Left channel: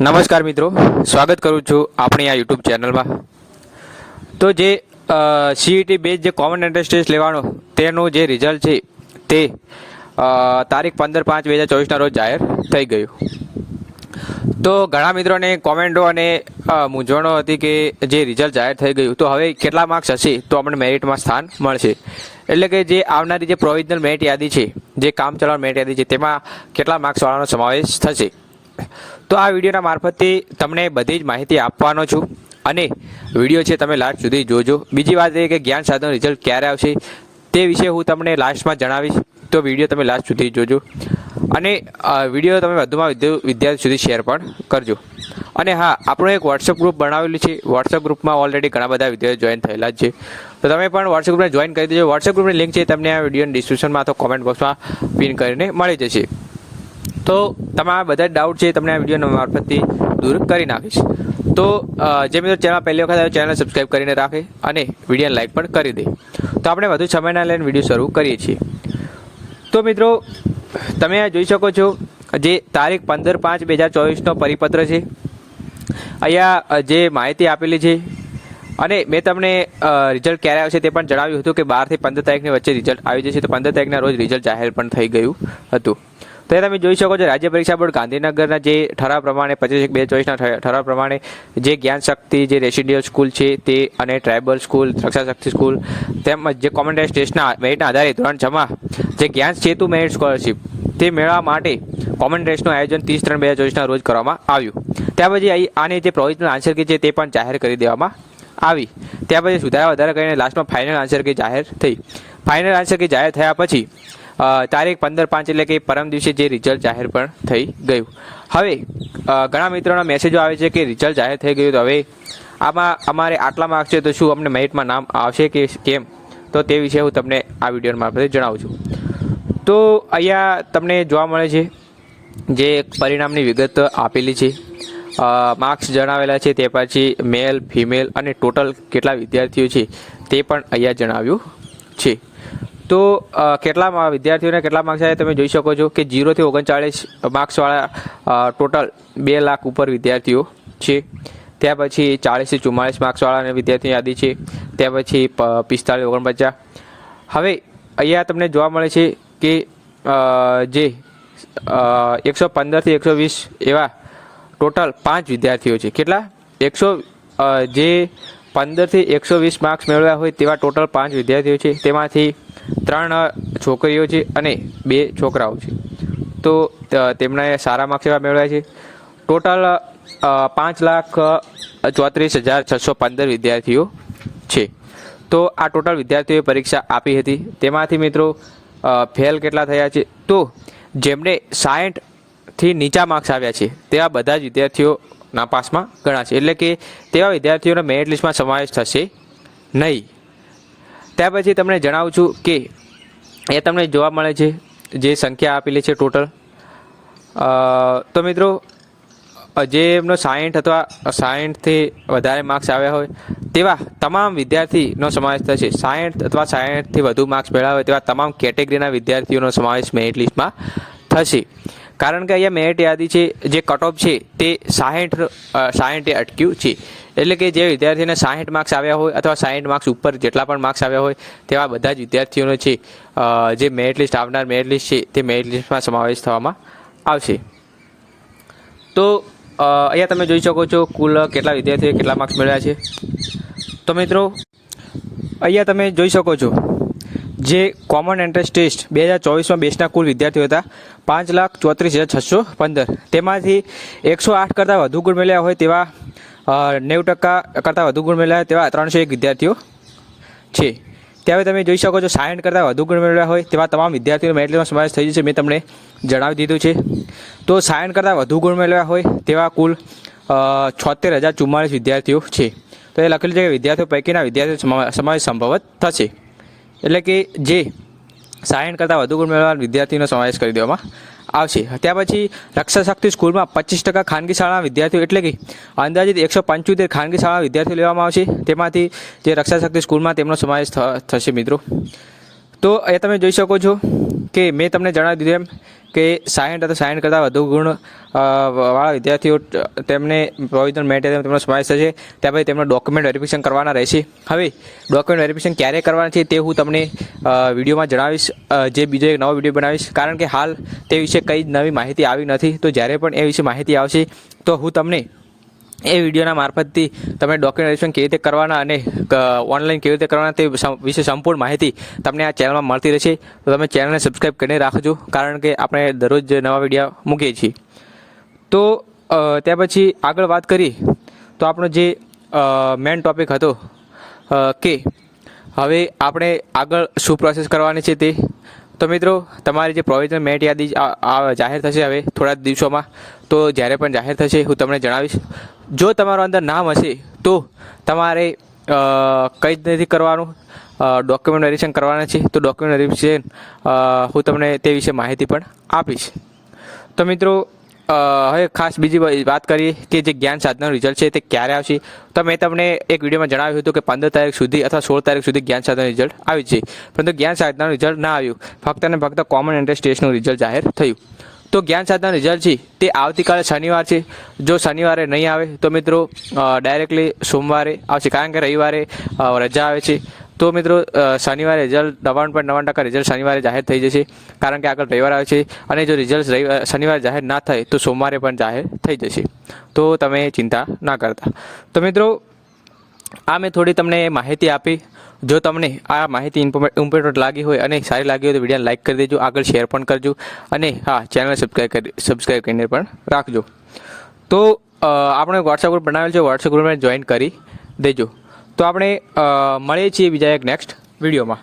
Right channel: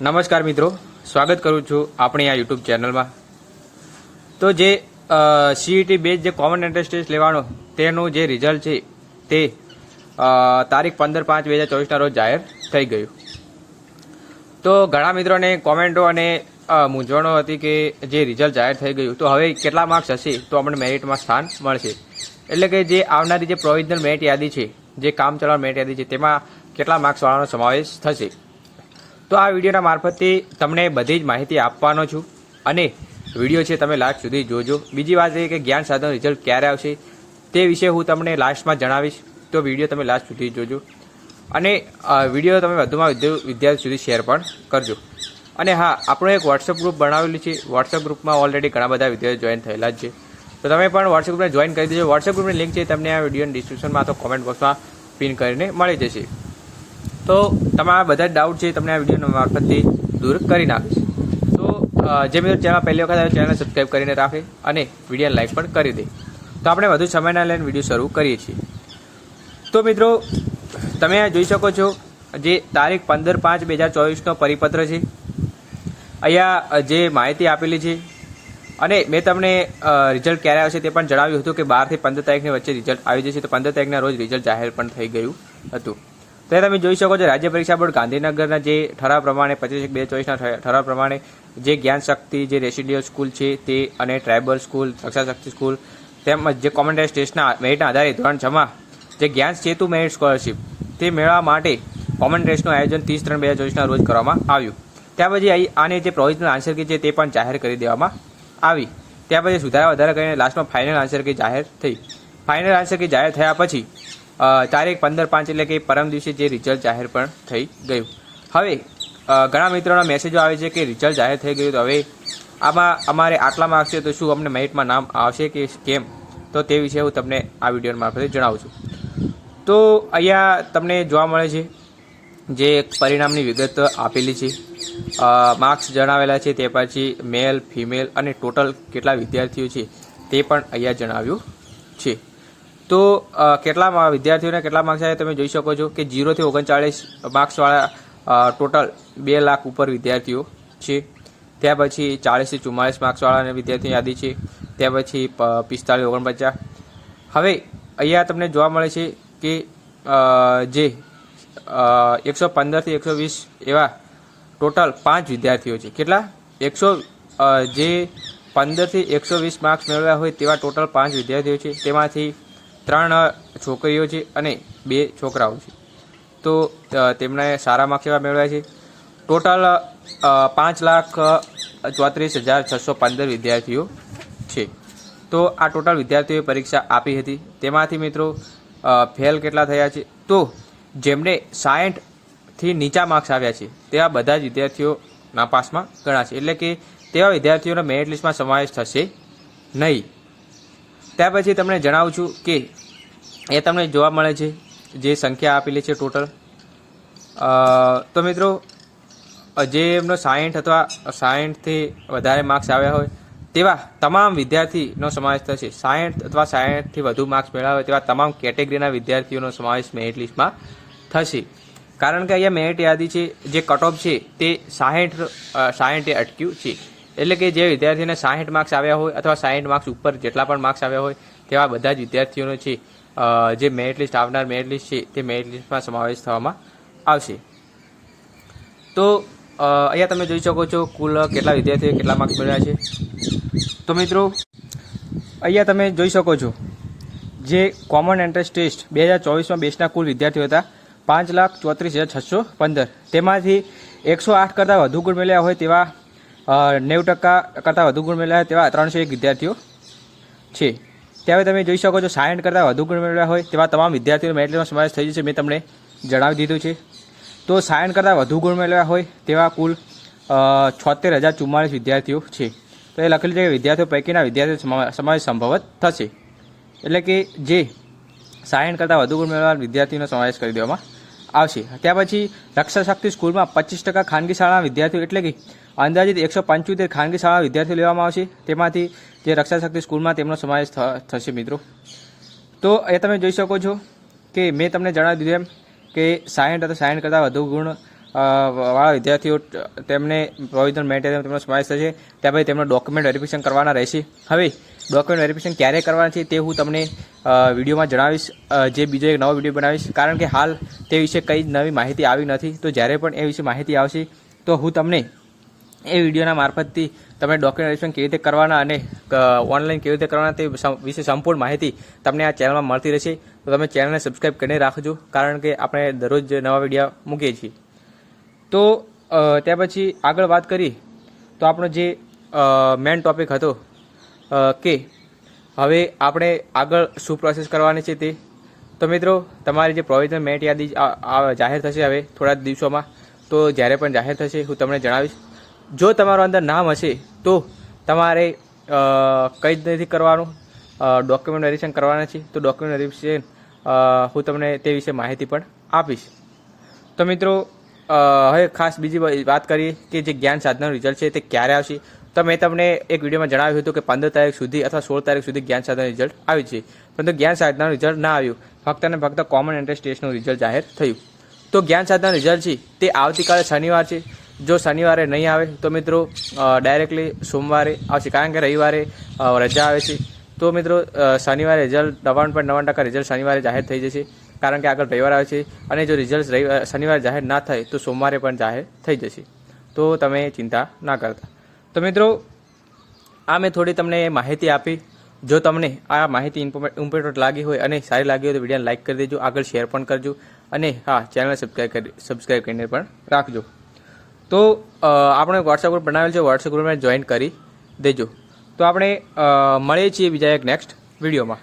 નમસ્કાર મિત્રો, સ્વાગત કરું છું આપણી આ યુટ્યુબ ચેનલમાં. તો જે સીઈટી બેઝ જે કોમન એન્ટ્રન્સ ટેસ્ટ લેવાનો તેનું જે રિઝલ્ટ છે તે તારીખ 15/5/2024ના રોજ જાહેર થઈ ગયું. તો ઘણા મિત્રોને કોમેન્ટો અને મૂંઝવણો હતી કે જે રિઝલ્ટ જાહેર થઈ ગયું તો હવે કેટલા માર્ક્સ હશે તો આપણે મેરિટમાં સ્થાન મળશે. એટલે કે જે આવનારી જે પ્રોવિઝનલ મેરિટ યાદી છે, જે કામચલાઉ મેરિટ યાદી છે, તેમાં કેટલા માર્ક્સવાળાનો સમાવેશ થશે. તો આ વિડીયોના મારફતથી તમને બધી જ માહિતી આપવાનો છું અને વિડીયો છે તમે લાસ્ટ સુધી જોજો. બીજી વાત એ કે જ્ઞાન સાધનનું રિઝલ્ટ ક્યારે આવશે તે વિશે હું તમને લાસ્ટમાં જણાવીશ, તો વિડીયો તમે લાસ્ટ સુધી જોજો અને વિડીયો તમે વધુમાં વધુ વિદ્યાર્થી સુધી શેર પણ કરજો. અને હા, આપણું એક વોટ્સઅપ ગ્રુપ બનાવેલું છે. વોટ્સઅપ ગ્રુપમાં ઓલરેડી ઘણા બધા વિદ્યાર્થીઓ જોઈન થયેલા જ છે, તો તમે પણ વોટ્સઅપ ગ્રુપને જોઈન કરી દેજો. વોટ્સઅપ ગ્રુપની લિંક છે તમને આ વિડીયોની ડિસ્ક્રિપ્શનમાં અથવા કોમેન્ટ બોક્સમાં પિન કરીને મળી જશે. તો તમારા બધા ડાઉટ છે તમને આ વિડીયોના મારફતથી દૂર કરી નાખીશ. તો જે મિત્રો ચેનલ પહેલી વખત આવે ચેનલ સબસ્ક્રાઈબ કરીને રાખે અને વિડીયોને લાઈક પણ કરી દે. તો આપણે વધુ સમયના લઈને વિડીયો શરૂ કરીએ છીએ. તો મિત્રો તમે જોઈ શકો છો જે તારીખ 15/5/2024નો પરિપત્ર છે. અહીંયા જે માહિતી આપેલી છે અને મેં તમને રિઝલ્ટ ક્યારે આવશે તે પણ જણાવ્યું હતું કે 12 થી 15 તારીખની વચ્ચે રિઝલ્ટ આવી જશે. તો 15 તારીખના રોજ રિઝલ્ટ જાહેર પણ થઈ ગયું હતું. તો તમે જોઈ શકો છો રાજ્ય પરીક્ષા બોર્ડ ગાંધીનગરના જે ઠરાવ પ્રમાણે 25/1/2024ના ઠરાવ પ્રમાણે જે જ્ઞાન શક્તિ જે રેસિડેન્શિયલ સ્કૂલ છે તે અને ટ્રાઇબલ સ્કૂલ, રક્ષા શક્તિ સ્કૂલ તેમજ જે કોમન ટેસ્ટના મેરિટના આધારે ધોરણ 6માં જે જ્ઞાન સેતુ મેરિટ સ્કોલરશિપ તે મેળવવા માટે કોમન ટેસ્ટનું આયોજન 30/3/2024ના રોજ કરવામાં આવ્યું. ત્યાર પછી આની જે પ્રોવિઝનલ આન્સર કી છે તે પણ જાહેર કરી દેવામાં આવી. ત્યાર પછી સુધારા વધારા કરીને લાસ્ટમાં ફાઇનલ આન્સર કી જાહેર થઈ. ફાઇનલ આન્સર કી જાહેર થયા પછી તારીખ 15/5 એટલે કે પરમ દિવસે જે રિઝલ્ટ જાહેર પણ થઈ ગયું. હવે ઘણા મિત્રોના મેસેજો આવે છે કે રિઝલ્ટ જાહેર થઈ ગયું, તો હવે આમાં અમારે આટલા માર્ક્સ છે તો શું અમને મેરિટમાં નામ આવશે કે કેમ, તો તે વિશે હું તમને આ વિડીયો મારફતે જણાવું છું. તો અહીંયા તમને જોવા મળે છે જે પરિણામની વિગત આપેલી છે, માર્ક્સ જણાવેલા છે, તે પછી મેલ, ફિમેલ અને ટોટલ કેટલા વિદ્યાર્થીઓ છે તે પણ અહીંયા જણાવ્યું છે. તો કેટલા વિદ્યાર્થીઓને કેટલા માર્ક્સ આવ્યા તમે જોઈ શકો છો કે 0 થી 39 માર્ક્સવાળા ટોટલ 2 લાખ ઉપર વિદ્યાર્થીઓ છે. ત્યાર પછી 40 થી 44 માર્ક્સવાળા વિદ્યાર્થીની યાદી છે. ત્યાર પછી 45 49. હવે અહીંયા તમને જોવા મળે છે કે જે 115 થી 120 એવા ટોટલ 5 વિદ્યાર્થીઓ છે. કેટલા? જે 15 થી 120 માર્ક્સ મેળવ્યા હોય તેવા ટોટલ 5 વિદ્યાર્થીઓ છે. તેમાંથી 3 છોકરીઓ છે અને 2 છોકરાઓ છે. તો તેમણે સારા માર્ક્સ એવા મેળવ્યા છે. ટોટલ 5,34,615 વિદ્યાર્થીઓ છે. તો આ ટોટલ વિદ્યાર્થીઓએ પરીક્ષા આપી હતી. તેમાંથી મિત્રો ફેલ કેટલા થયા છે, તો જેમને 60થી નીચા માર્ક્સ આવ્યા છે તેવા બધા જ વિદ્યાર્થીઓ નાપાસમાં ગણાશે. એટલે કે તેવા વિદ્યાર્થીઓનો મેરિટ લિસ્ટમાં સમાવેશ થશે નહીં. ત્યાર પછી તમને જણાવું છું કે એ તમને જોવા મળે છે જે સંખ્યા આપેલી છે ટોટલ. તો મિત્રો જે એમનો 60 અથવા 60થી વધારે માર્ક્સ આવ્યા હોય તેવા તમામ વિદ્યાર્થીનો સમાવેશ થશે. 60 અથવા 60થી વધુ માર્ક્સ મેળવ્યા હોય તેવા તમામ કેટેગરીના વિદ્યાર્થીઓનો સમાવેશ મેરિટ લિસ્ટમાં થશે. કારણ કે અહીંયા મેરિટ યાદી છે, જે કટ ઓફ છે તે 60 અટક્યું છે. એટલે કે જે વિદ્યાર્થીને 60 માર્ક્સ આવ્યા હોય અથવા 60 માર્ક્સ ઉપર જેટલા પણ માર્ક્સ આવ્યા હોય તેવા બધા જ વિદ્યાર્થીઓનો છે જે મેરિટ લિસ્ટ આવનાર મેરિટ લિસ્ટ છે તે મેરિટ લિસ્ટમાં સમાવેશ થવામાં આવશે. તો અહીંયા તમે જોઈ શકો છો કુલ કેટલા વિદ્યાર્થીઓએ કેટલા માર્ક્સ મેળવ્યા છે. તો મિત્રો અહીંયા તમે જોઈ શકો છો જે કોમન એન્ટ્રન્સ ટેસ્ટ 2024માં બેચના કુલ વિદ્યાર્થીઓ હતા 5,34,615. તેમાંથી 108 કરતાં વધુ ગુણ મેળવ્યા હોય તેવા 90% કરતાં વધુ ગુણ મેળવ્યા તેવા 301 વિદ્યાર્થીઓ છે. ત્યારે તમે જોઈ શકો છો 60 કરતાં વધુ ગુણ મેળવ્યા હોય તેવા તમામ વિદ્યાર્થીઓનો મેરિટ લિસ્ટમાં સમાવેશ થઈ જશે. મેં તમને જણાવી દીધું છે. તો 60 કરતાં વધુ ગુણ મેળવ્યા હોય તેવા કુલ 76,044 વિદ્યાર્થીઓ છે. તો એ લખેલું છે કે વિદ્યાર્થીઓ પૈકીના વિદ્યાર્થીઓ સમાવેશ સંભવત થશે. એટલે કે જે 60 કરતાં વધુ ગુણ મેળવવા વિદ્યાર્થીનો સમાવેશ કરી દેવામાં આવશે. ત્યાર પછી રક્ષા શક્તિ સ્કૂલમાં 25% ખાનગી શાળાના વિદ્યાર્થીઓ, એટલે કે અંદાજિત 175 ખાનગી શાળા વિદ્યાર્થીઓ લેવામાં આવશે. તેમાંથી જે રક્ષા શક્તિ સ્કૂલમાં તેમનો સમાવેશ થશે મિત્રો. તો એ તમે જોઈ શકો છો કે મેં તમને જણાવી દીધું એમ કે 60 અથવા 60 કરતાં વધુ ગુણ વાળા વિદ્યાર્થીઓ તેમને પ્રોવિઝનલ મેરિટ તેમનો સમાવેશ થશે. ત્યાર પછી તેમનો ડોક્યુમેન્ટ વેરિફિકેશન કરવાના રહેશે. હવે ડોક્યુમેન્ટ વેરિફિકેશન ક્યારે કરવાના છે તે હું તમને વિડીયોમાં જણાવીશ, જે બીજો એક નવો વિડીયો બનાવીશ, કારણ કે હાલ તે વિશે કંઈ જ નવી માહિતી આવી નથી. તો જ્યારે પણ એ વિશે માહિતી આવશે તો હું તમને એ વિડીયોના મારફતથી તમે ડોક્યુમેન્ટ વેરિફિકેશન કેવી રીતે કરવાના અને ઓનલાઈન કેવી રીતે કરવાના તે વિશે સંપૂર્ણ માહિતી તમને આ ચેનલમાં મળતી રહેશે. તો તમે ચેનલને સબસ્ક્રાઈબ કરીને રાખજો, કારણ કે આપણે દરરોજ નવા વિડીયો મૂકીએ છીએ. તો ત્યાર પછી આગળ વાત કરી તો આપણો જે મેઇન ટોપિક હતો કે હવે આપણે આગળ શું પ્રોસેસ કરવાની છે તે. તો મિત્રો, તમારી જે પ્રોવિઝનલ મેરિટ યાદી જાહેર થશે હવે થોડા દિવસોમાં. તો જ્યારે પણ જાહેર થશે હું તમને જણાવીશ. જો તમારું અંદર નામ હશે તો તમારે કંઈ જ નથી કરવાનું, ડોક્યુમેન્ટ વેરિફિકેશન કરવાના છે. તો ડોક્યુમેન્ટ વેરિફિકેશન હું તમને તે વિશે માહિતી પણ આપીશ. તો મિત્રો, હવે ખાસ બીજી વાત કરીએ કે જે જ્ઞાન સાધનાનું રિઝલ્ટ છે તે ક્યારે આવશે. તો મેં તમને એક વિડીયોમાં જણાવ્યું હતું કે 15 તારીખ સુધી અથવા 16 તારીખ સુધી જ્ઞાન સાધનાનું રિઝલ્ટ આવી છે, પરંતુ જ્ઞાન સાધનાનું રિઝલ્ટ ના આવ્યું. ફક્ત અને ફક્ત કોમન એન્ટ્રન્સ ટેસ્ટનું રિઝલ્ટ જાહેર થયું. તો જ્ઞાન સાધનાનું રિઝલ્ટ છે તે આવતીકાલે શનિવાર છે. જો શનિવારે નહીં આવે તો મિત્રો ડાયરેક્ટલી સોમવારે આવશે, કારણ કે રવિવારે રજા આવે છે. તો મિત્રો શનિવારે રિઝલ્ટ 99.99% રિઝલ્ટ શનિવારે જાહેર થઈ જશે, કારણ કે આગળ રવિવાર આવે છે. અને જો રિઝલ્ટ શનિવારે જાહેર ના થાય તો સોમવારે પણ જાહેર થઈ જશે. તો તમે ચિંતા ના કરતા. તો મિત્રો, આ મેં થોડી તમને માહિતી આપી. જો તમને આ માહિતી ઇમ્પોર્ટન્ટ લાગી હોય અને સારી લાગી હોય તો વિડીયોને લાઇક કરી દેજો, આગળ શેર પણ કરજો, અને હા, ચેનલ સબસ્ક્રાઈબ કરીને પણ રાખજો. તો આપણે વોટ્સએપ ગ્રુપ બનાવેલ છે, વોટ્સએપ ગ્રુપને જોઈન કરી દેજો. તો આપણે મળીએ છીએ બીજા એક નેક્સ્ટ વિડીયોમાં.